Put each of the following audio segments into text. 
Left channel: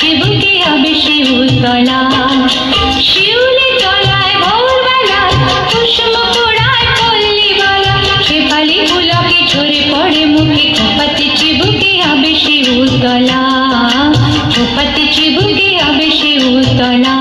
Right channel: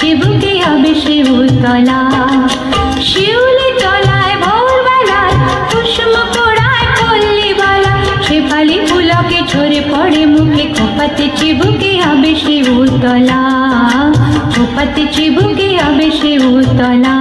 চিবুকে হবে শিউতলা। শিউলি তলায় ভোরবেলায় কুসুম পোড়ায় পল্লী বালা, শেফালি পুলকে ঝরে পড়ে মুখে, খোপাতে চিবুকে হবে শিউতলা, খোপাতে চিবুকে হবে শিউতলা।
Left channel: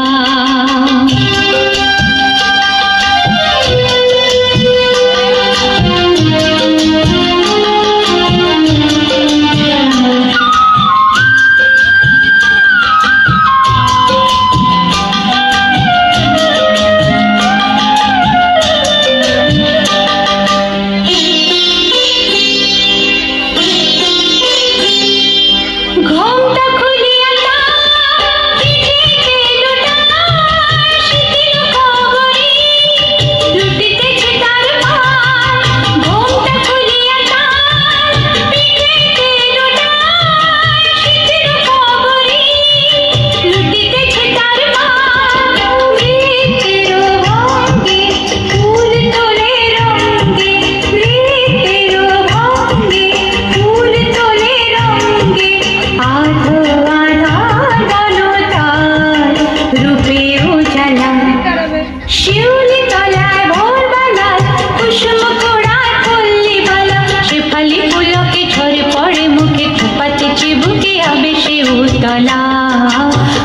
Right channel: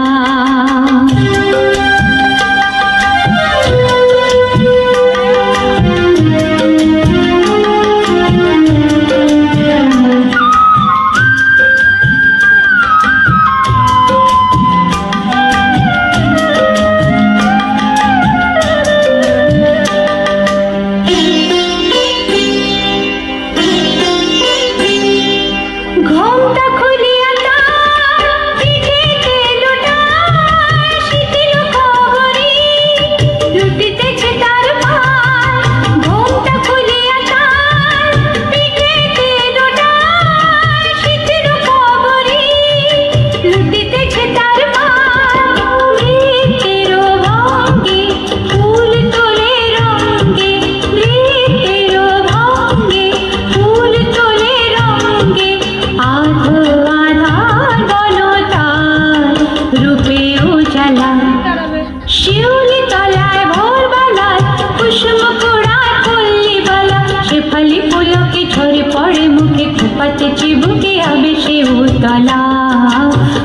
শিউলি তলায় ভোরবেলায় কুসুম পোড়ায় পল্লী বালা, শেফালি পুলকে ঝরে পড়ে মুখে, খোপাতে চিবুকে হবে শিউতলা,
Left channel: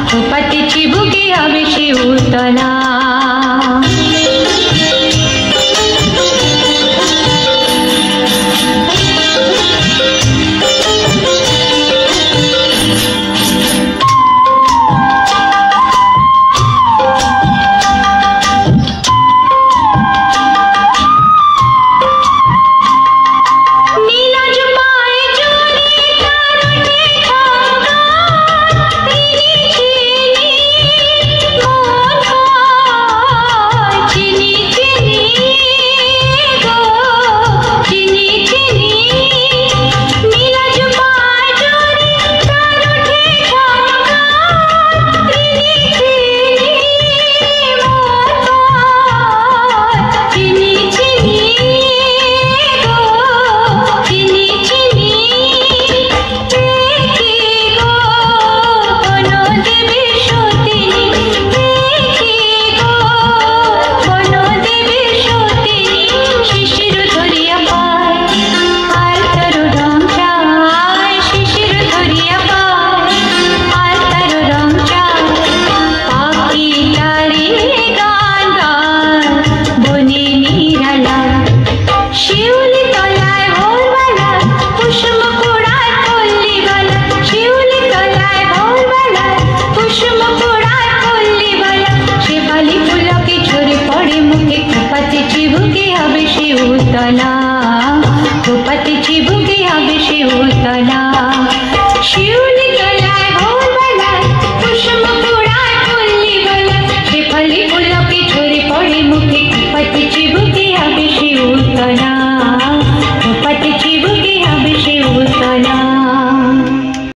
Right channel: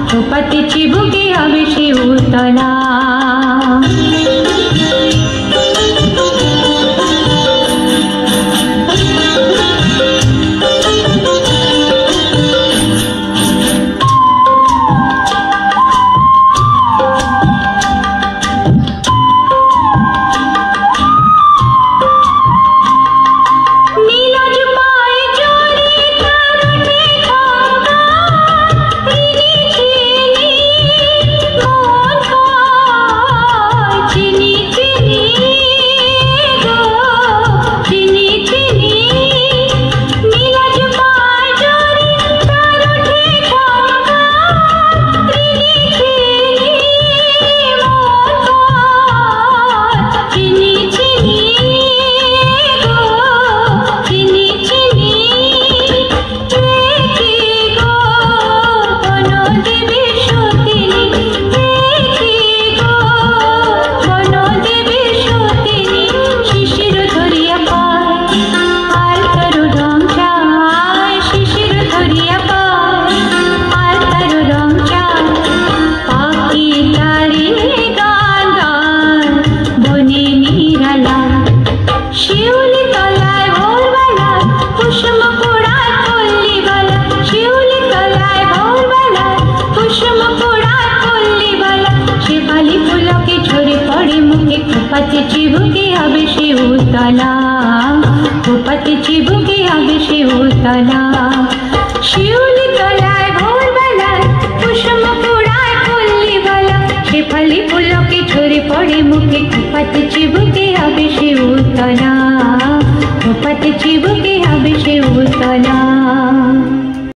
খোপাতে চিবুকে হবে শিউতলা। চিবুকে হবে শিউতলা, খোপাতে চিবুকে হবে শিউতলা। শিউলি তলায় ভোরবেলায় কুসুম পোড়ায় পল্লী বালা, শেফালি পুলকে ঝরে পড়ে মুখে, খোপাতে